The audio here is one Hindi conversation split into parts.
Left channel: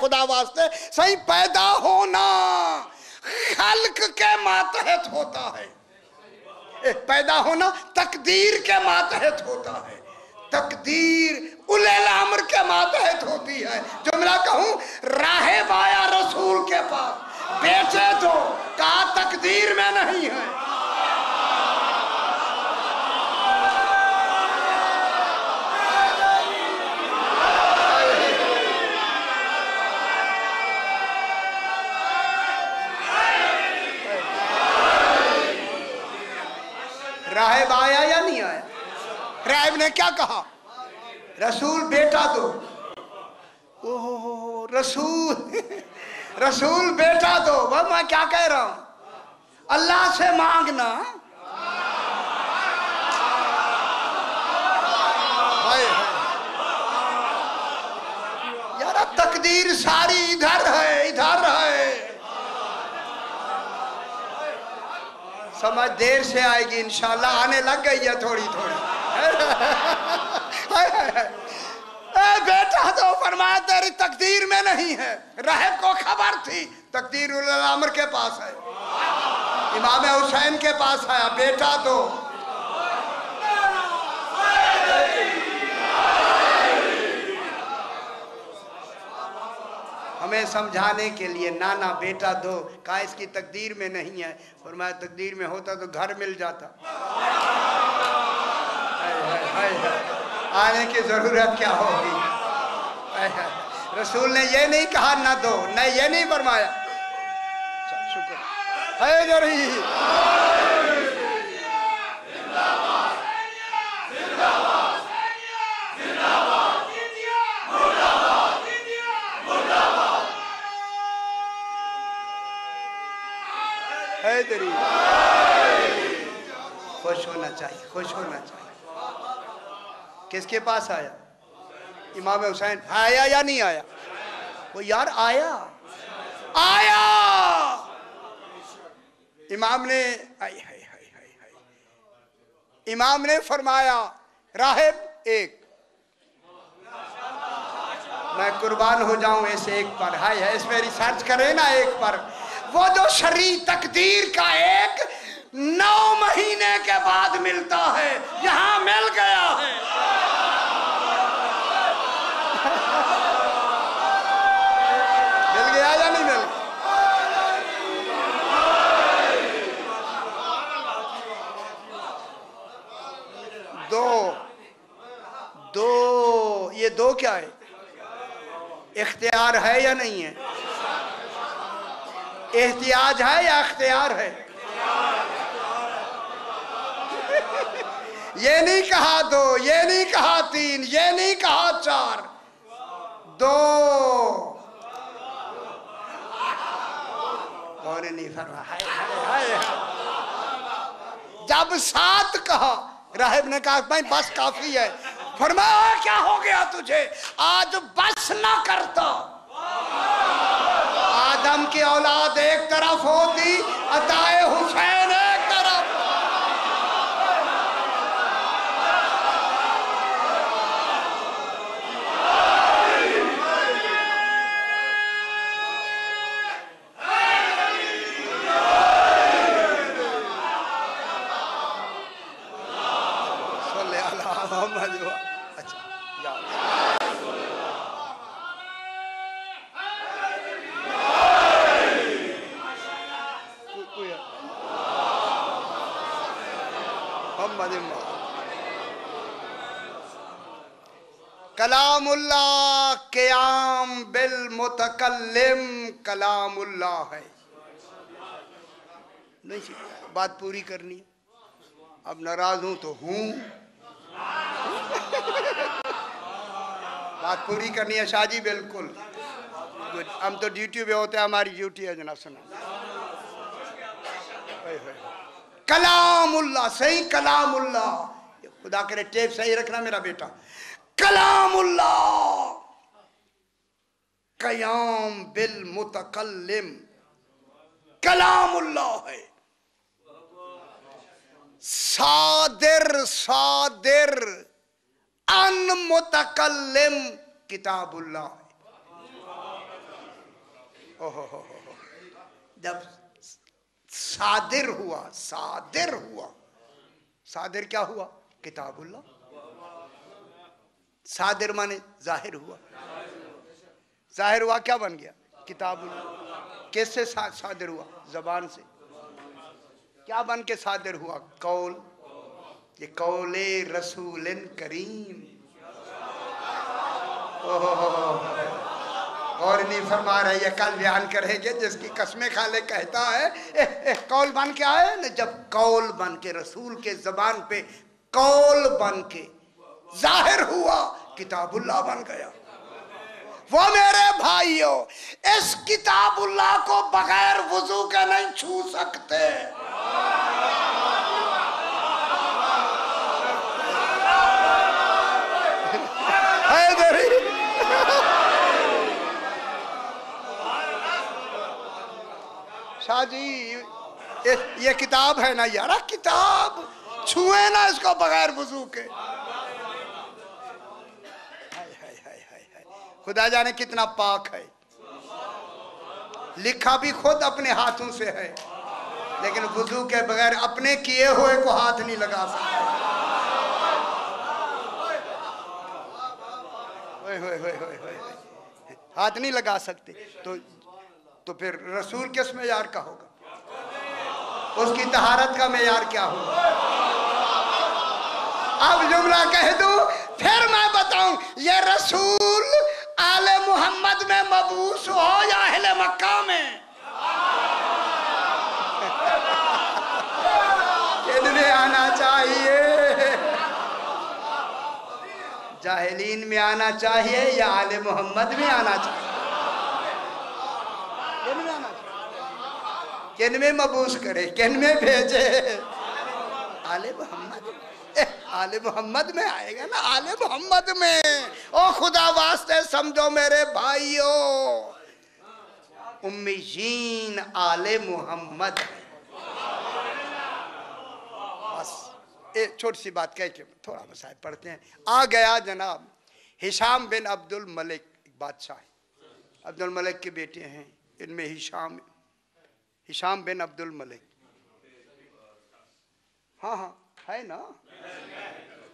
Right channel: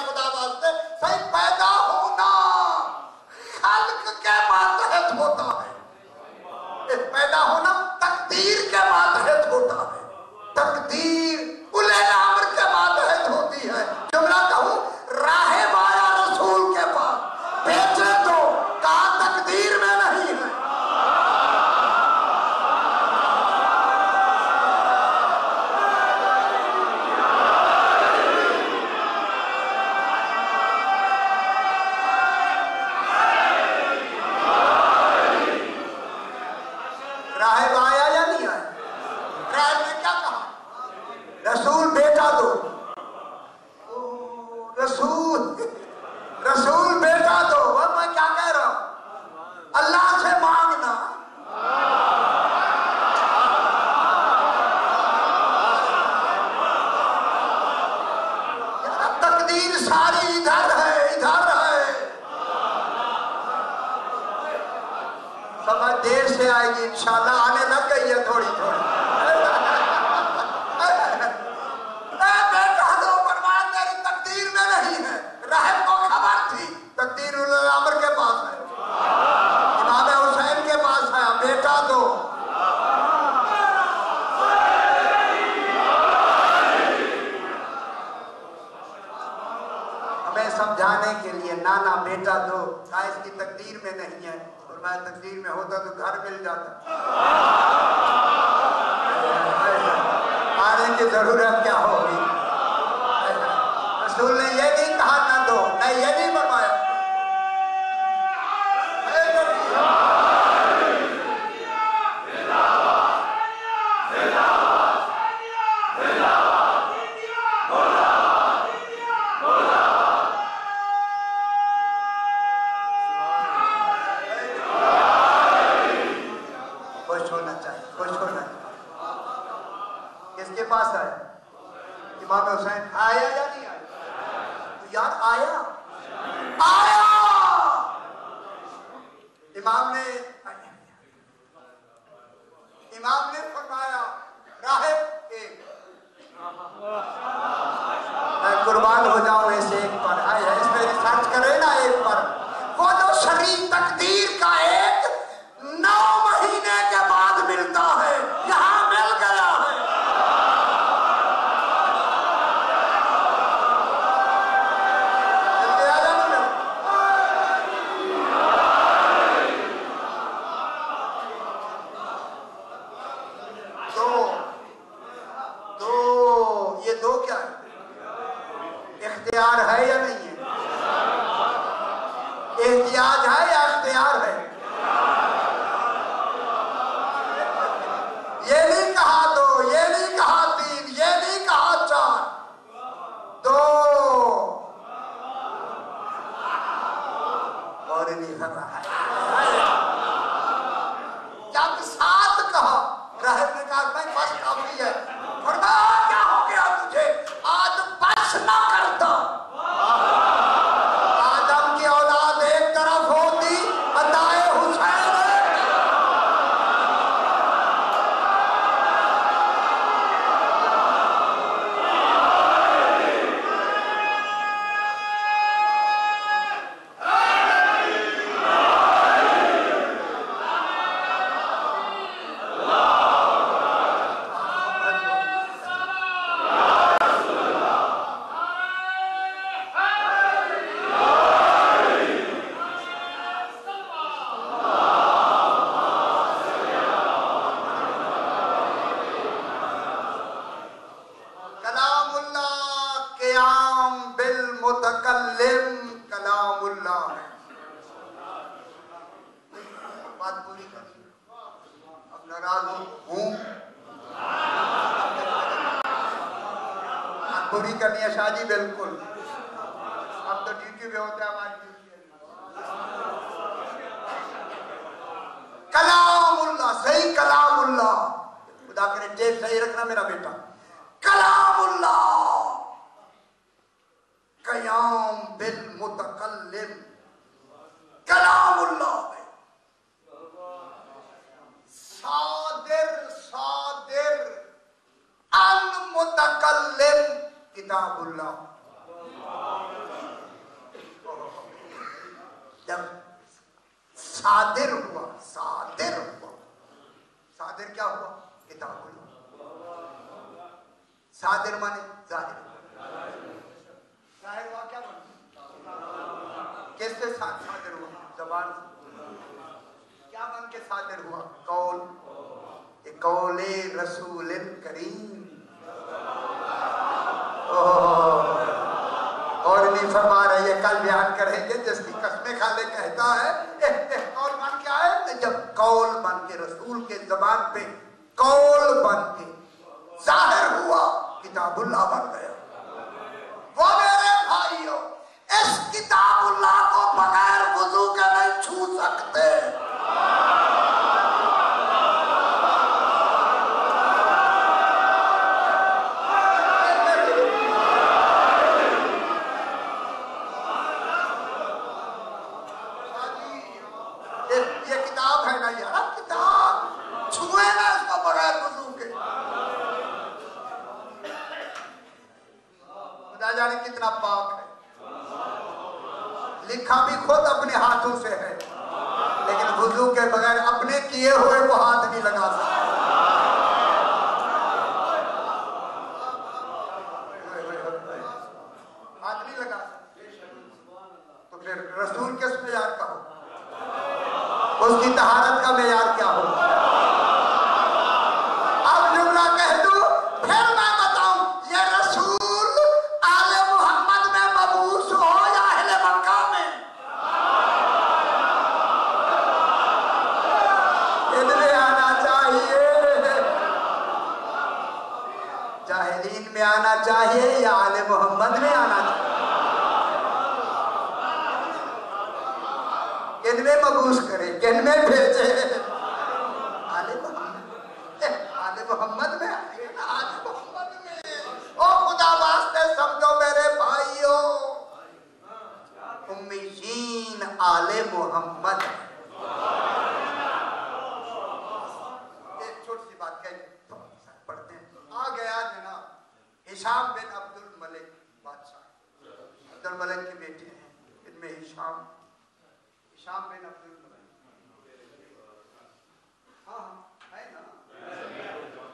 खुदा वास्ते सही पैदा होना खल्क के मातहत होता है, पैदा होना तकदीर के मातहत होता है, तकदीर उले अम्र के मातहत होती है। जुमला कहूं राहे बाया रसूल के पास बेचे तो कहा तकदीर में नहीं है। राहिब आया या नहीं आया? राहिब ने क्या कहा? रसूल बेटा दो। ओहो रसूल रसूल बेटा दो। वो मैं क्या कह रहा हूं, अल्लाह से मांगना। यार तकदीर सारी इधर है, इधर है। समझ देर से आएगी इंशाल्लाह, आने लग गई है थोड़ी थोड़ी। बेटा तो फरमाया तेरी तकदीर में नहीं है। राहिब को खबर थी तकदीर अमर के पास है, इमाम हुसैन के पास आया, बेटा तो हमें समझाने के लिए नाना बेटा दो, कहा इसकी तकदीर में नहीं है। फरमाया तकदीर में होता तो घर मिल जाता, आने की जरूरत क्या होगी। रसूल ने ये नहीं कहा ना दो, ना ये नहीं फरमाया। खुश होना चाहिए, खुश होना चाहिए। किसके पास आया? इमाम हुसैन। आया या नहीं आया? वो यार आया, आया। इमाम ने फरमाया राहिब एक, मैं कुर्बान हो जाऊं इस एक पर। है इसमें रिसर्च करें ना एक पर। वो जो शरीय तकदीर का एक 9 महीने के बाद मिलता है, यहां मिल गया है। मिल गया या नहीं मिल? दो ये दो क्या है? इख्तियार है या नहीं है? एहतियाज है या इख्तियार है? ये नहीं कहा दो, ये नहीं कहा तीन, ये नहीं कहा चार, दो। और नहीं कर रहा है। जब 7 कहा, राहिब ने कहा भाई बस काफी है। फरमाया क्या हो गया तुझे? आज बस ना करता। आदम की औलाद एक तरफ होती, अदाए हुसैन एक तरफ। कलामुल्लाह क़याम बिल मुतकल्लिम कलामुल्लाह है। नहीं बात पूरी करनी। अब नाराज हूं तो हूं, बात पूरी करनी है शाहजी। बिल्कुल हम तो ड्यूटी पे होते हैं, हमारी ड्यूटी है जनाब। सुनो कलामुल्लाह, सही कलामुल्लाह। खुदा करे टेप सही रखना मेरा बेटा। कलामुल्लाह क़याम बिल मुतकल्लिम, कलामुल्लाह है। सादिर सादिर अन मुतकल्लिम किताबुल्लाह। जब सादिर हुआ, सादिर हुआ, सादिर क्या हुआ? किताबुल्लाह। सादिर माने जाहिर हुआ, जाहिर हुआ क्या बन गया? किताबुल्लाह। कैसे सादिर हुआ? जबान से। क्या बन के सादिर हुआ? कौल। ये कौले रसूल करीम। और नहीं फरमा रहे, ये कल बयान करेंगे, जिसकी कसमें खाले कहता है कौल बन के आए। जब कौल बन के रसूल के जबान पे कौल बन के जाहिर हुआ, किताबुल्लाह बन गया। वो मेरे भाइयों, इस किताबुल्लाह को बगैर वुजू के नहीं छू सकते। ये किताब है ना यार, किताब छुए ना इसको बगैर वुजू के। खुदा जाने कितना पाक है। लिखा भी खुद अपने हाथों से है, लेकिन वुजू के बगैर अपने किए हुए को हाथ नहीं लगा सकता। हाथ नहीं लगा सकते। तो फिर रसूल किस मेयार का हो? उसकी तहारत का मेयार क्या हो? अब जुमला कह दूं, फिर मैं बताऊं, ये रसूल आले मोहम्मद में मबूस हो या अहले मक्का में? इनमें आना चाहिए, जाहिलीन में आना चाहिए या आले मोहम्मद में आना चाहिए? किनमें मबूस करे, किनमें भेजे? आले मोहम्मद। आले मोहम्मद में आएगा ना, आले मोहम्मद में। ओ खुदा वास्ते समझो मेरे भाइयों, उम्मीशीन आले मोहम्मद। बस एक छोटी सी बात कह के थोड़ा मसाइल पढ़ते हैं। आ गया जनाब हिशाम बिन अब्दुल मलिक, बादशाह अब्दुल मलिक के बेटे हैं, इनमें हिशाम बिन अब्दुल मलिक। हाँ हाँ है ना,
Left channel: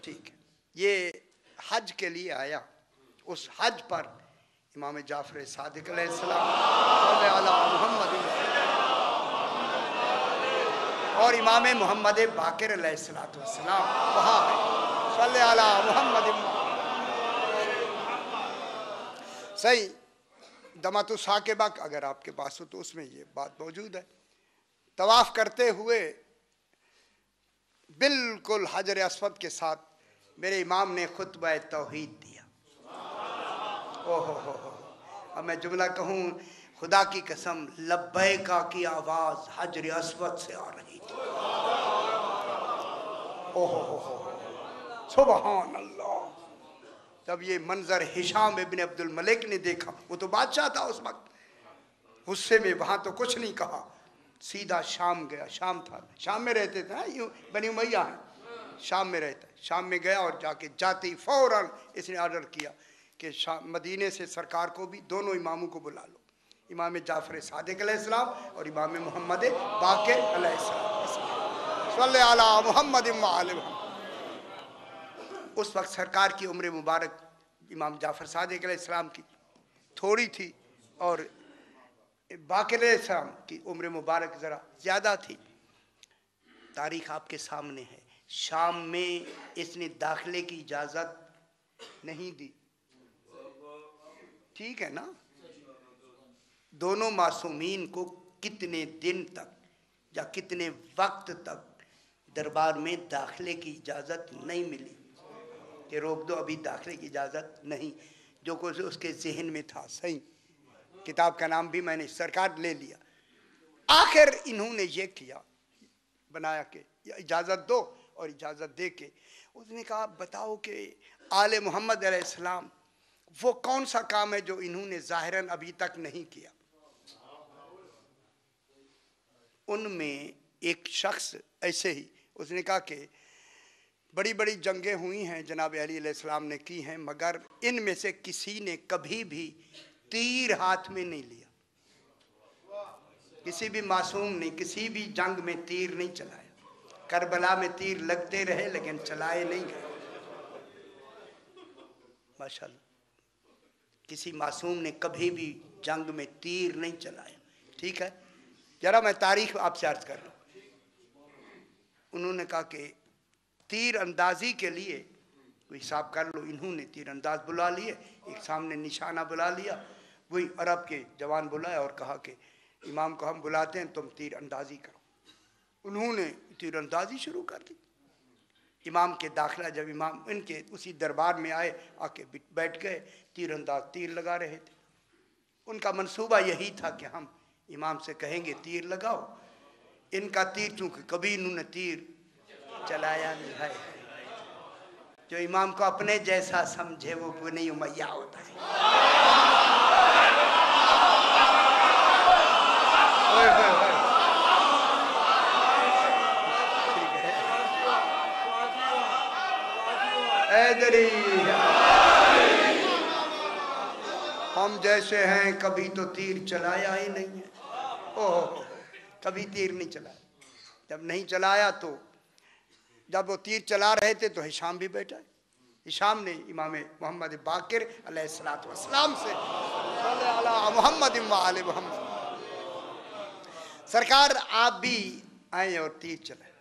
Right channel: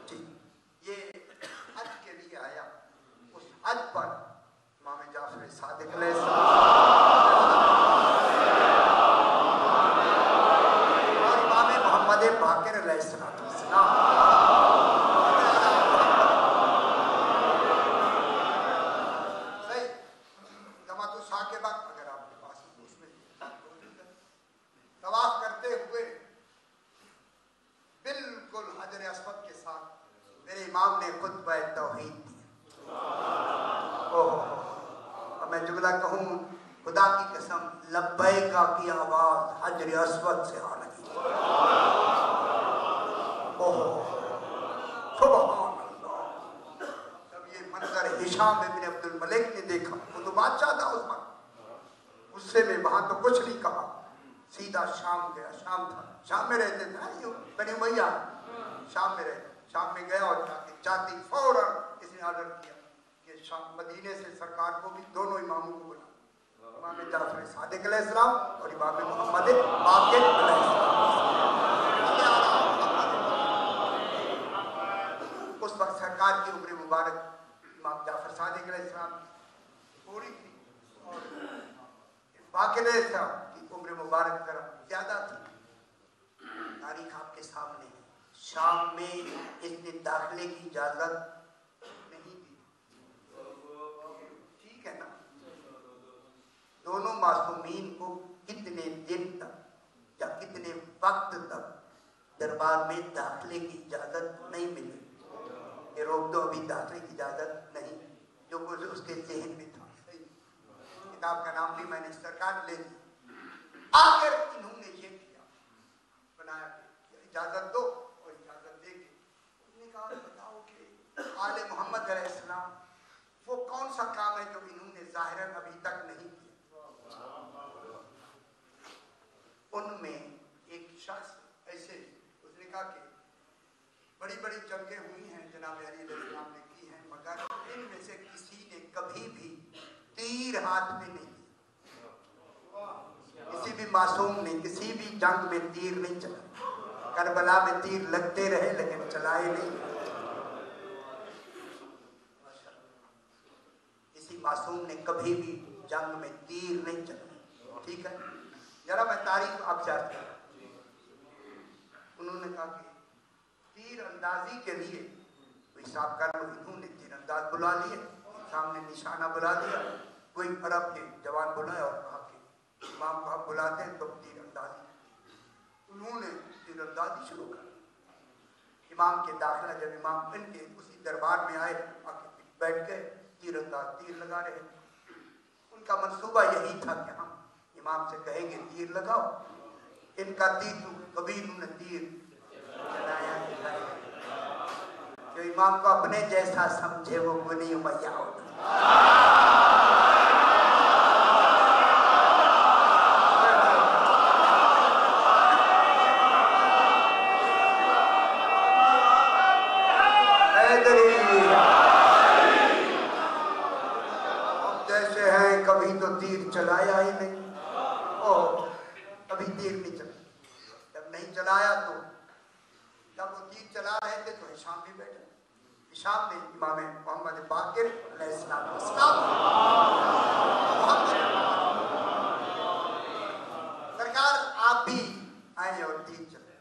ठीक है। ये हज के लिए आया। उस हज पर इमाम जाफर सादिक अलैहिस्सलाम और इमाम मोहम्मद बाकिर अलैहिस्सलाम सही दमातु साकिबा अगर आपके पास हो तो उसमें ये बात मौजूद है। तवाफ करते हुए बिल्कुल हजर अस्वद के साथ मेरे इमाम ने खुतबा तौहीद दिया। ओह, मैं जुमला कहूँ, खुदा की कसम लब्बैका की आवाज हजर अस्वद से आ रही थी। ओह सुभान अल्लाह। तब ये मंजर हिशाम इब्न अब्दुल मलिक ने देखा, वो तो बादशाह था उस वक्त, गुस्से में वहां तो कुछ नहीं कहा, सीधा शाम गया। शाम था, शाम में रहते थे ना, यूं बनी उमैया शाम में रहते। शाम में गया और जाते ही फौरन इसने ऑर्डर किया कि शाम मदीने से सरकार को भी, दोनों इमामों को बुला लो, इमाम जाफर सादिक अलैहिस्सलाम और इमाम मोहम्मद बाकिर अलैहिस्सलाम। उस वक्त सरकार की उम्र मुबारक इमाम जाफर सादिक अलैहिस्सलाम की थोड़ी थी और बाकिर अलैहिस्सलाम की उम्र मुबारक ज़रा ज़्यादा थी। तारीख आपके सामने है। शाम में इसने दाखिले की इजाज़त नहीं दी, ठीक है ना। दोनों मासूमीन को कितने दिन तक या कितने वक्त तक दरबार में दाखिले की इजाज़त नहीं मिली कि रोक दो, अभी दाखिले की इजाज़त नहीं। जो कुछ उसके जहन में था, सही किताब का नाम भी मैंने सरकार ले लिया। आखिर इन्होंने ये किया, बनाया कि इजाज़त दो, और इजाज़त दे के उसने कहा बताओ कि आले मोहम्मद अलैहिस्सलाम वो कौन सा काम है जो इन्होंने ज़ाहिरन अभी तक नहीं किया। उनमें एक शख्स ऐसे ही, उसने कहा कि बड़ी बड़ी जंगें हुई हैं जनाब अली अलैहिस्सलाम ने की हैं, मगर इनमें से किसी ने कभी भी तीर हाथ में नहीं लिया। किसी भी मासूम ने किसी भी जंग में तीर नहीं चलाए। करबला में तीर लगते रहे लेकिन चलाए नहीं गए। माशाअल्लाह, किसी मासूम ने कभी भी जंग में तीर नहीं चलाए। ठीक है, जरा मैं तारीख आपसे अर्ज कर रहा हूं। उन्होंने कहा कि तीर अंदाजी के लिए कोई हिसाब कर लो। इन्होंने तीर अंदाज बुला लिए, एक सामने निशाना बुला लिया, वही अरब के जवान बुलाए और कहा कि इमाम को हम बुलाते हैं, तुम तीर अंदाजी करो। उन्होंने तीर अंदाजी शुरू कर दी। इमाम के दाखिला जब इमाम इनके उसी दरबार में आए, आके बैठ गए, तीर अंदाज तीर लगा रहे थे। उनका मंसूबा यही था कि हम इमाम से कहेंगे तीर लगाओ। इनका तीर चूंकि कभी इन्होंने तीर चलाया नहीं है, जो इमाम को अपने जैसा समझे वो बनी उमैया होता है। हम जैसे हैं कभी तो तीर चलाया ही नहीं। ओ कभी तीर नहीं चला। जब नहीं चलाया तो जब वो तीर चला रहे थे तो हिशाम भी बैठा। हिशाम ने इमाम मोहम्मद बाकिर अलैहिस्सलाम से मोहम्मद सरकार आप भी आए और तीर चलाए।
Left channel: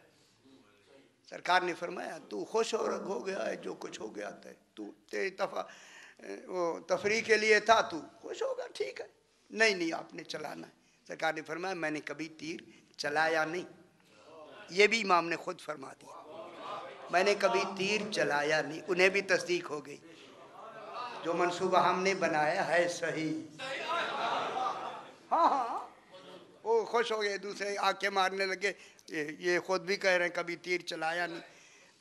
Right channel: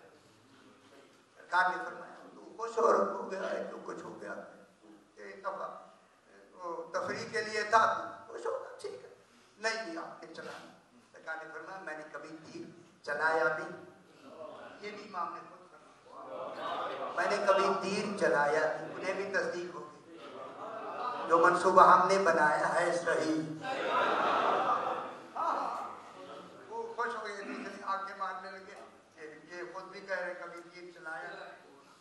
सरकार ने फरमाया तू खुश हो गया है जो कुछ हो गया था, तू तेरी वो तफरी के लिए था, तू खुश होगा, ठीक है। नहीं आपने चलाना। सरकार ने फरमाया मैंने कभी तीर चलाया नहीं। ये भी इमाम ने खुद फरमा दिया, मैंने कभी तीर चलाया नहीं। उन्हें भी तस्दीक हो गई, जो मंसूबा हमने बनाया है सही। हाँ, वो खुश हो गए, दूसरे आके मारने लगे। ये खुद भी कह रहे हैं कभी तीर चलाया नहीं।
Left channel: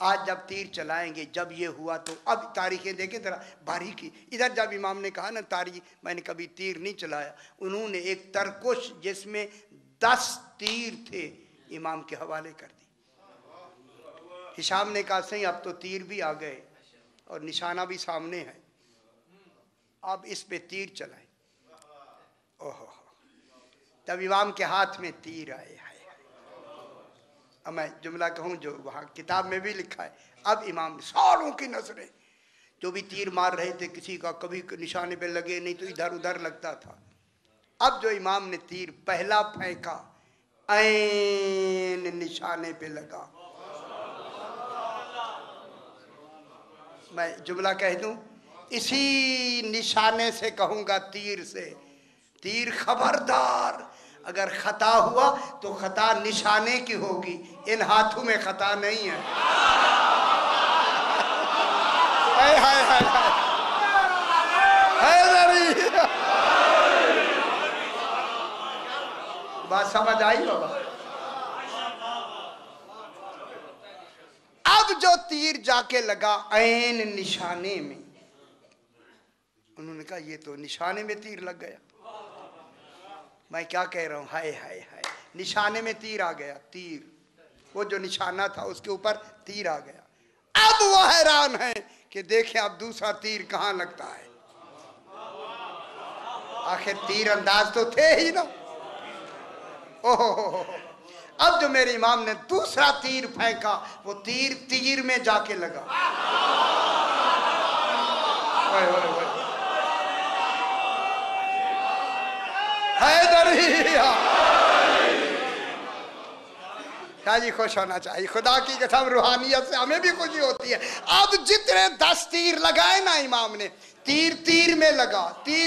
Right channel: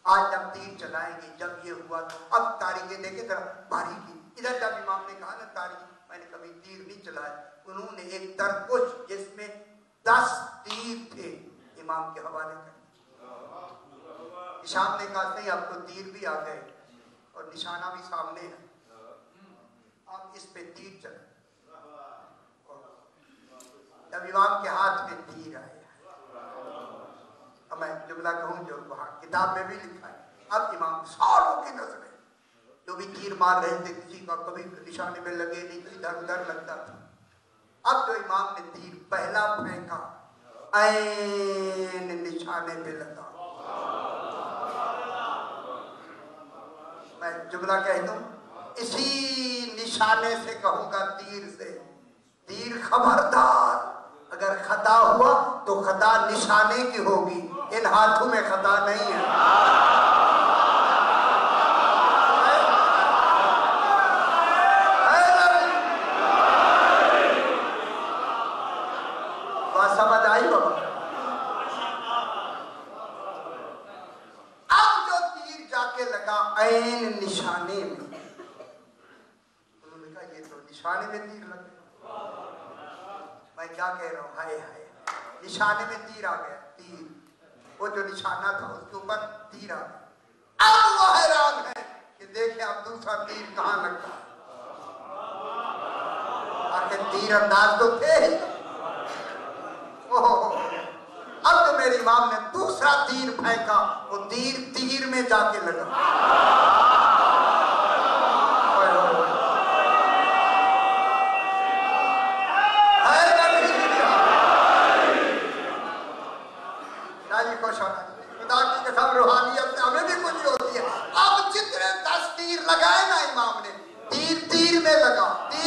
आज जब तीर चलाएंगे, जब ये हुआ तो अब तारीखें देखें जरा बारीकी। इधर जब इमाम ने कहा ना तारीख मैंने कभी तीर नहीं चलाया, उन्होंने एक तरकुश जिसमें 10 तीर थे इमाम के हवाले कर दी। हिशाम ने कहा सही अब तो तीर भी आ गए और निशाना भी सामने है, अब इस पे तीर चलाए। ओहो, तब इमाम के हाथ में तीर आए। अब मैं जुमला कहूँ जो वहाँ किताब में भी लिखा है। अब इमाम सारों की नजरें जो भी तीर मार रहे थे, किसी का कभी निशाने पे लगे नहीं तो इधर उधर लगता था। अब जो इमाम ने तीर पहला फेंका, ऐन निशाने पे लगा। मैं जुमला कह दूं, इसी निशाने से कहूंगा तीर से, तीर खबरदार, अगर खता हुआ तो खता निशाने की होगी, इन हाथों में खता नहीं है। बात समझ आई हो? अब जो तीर जाके लगा ऐन निशाने में, उन्होंने कहा ये तो निशाने में तीर लग गया। मैं क्या कह रहा हूँ, हाय हाय हाय, निशाने में तीर आ गया। तीर वो जो निशाना था उसके ऊपर तीर आ गया। अब वो हैरान है कि देखें अब दूसरा तीर कहाँ लगता है। आखिर तीर अंदाज तो थे ही ना। ओहो, अब जो मेरे इमाम ने दूसरा तीर फेंका, वो तीर तीर में जाके लगा। जी खुश होना चाहिए, खुदा की कसम रूहानियत से हमें भी खुशी होती है। अब जितने 10 तीर लगाए ना इमाम ने, तीर तीर में लगा, तीर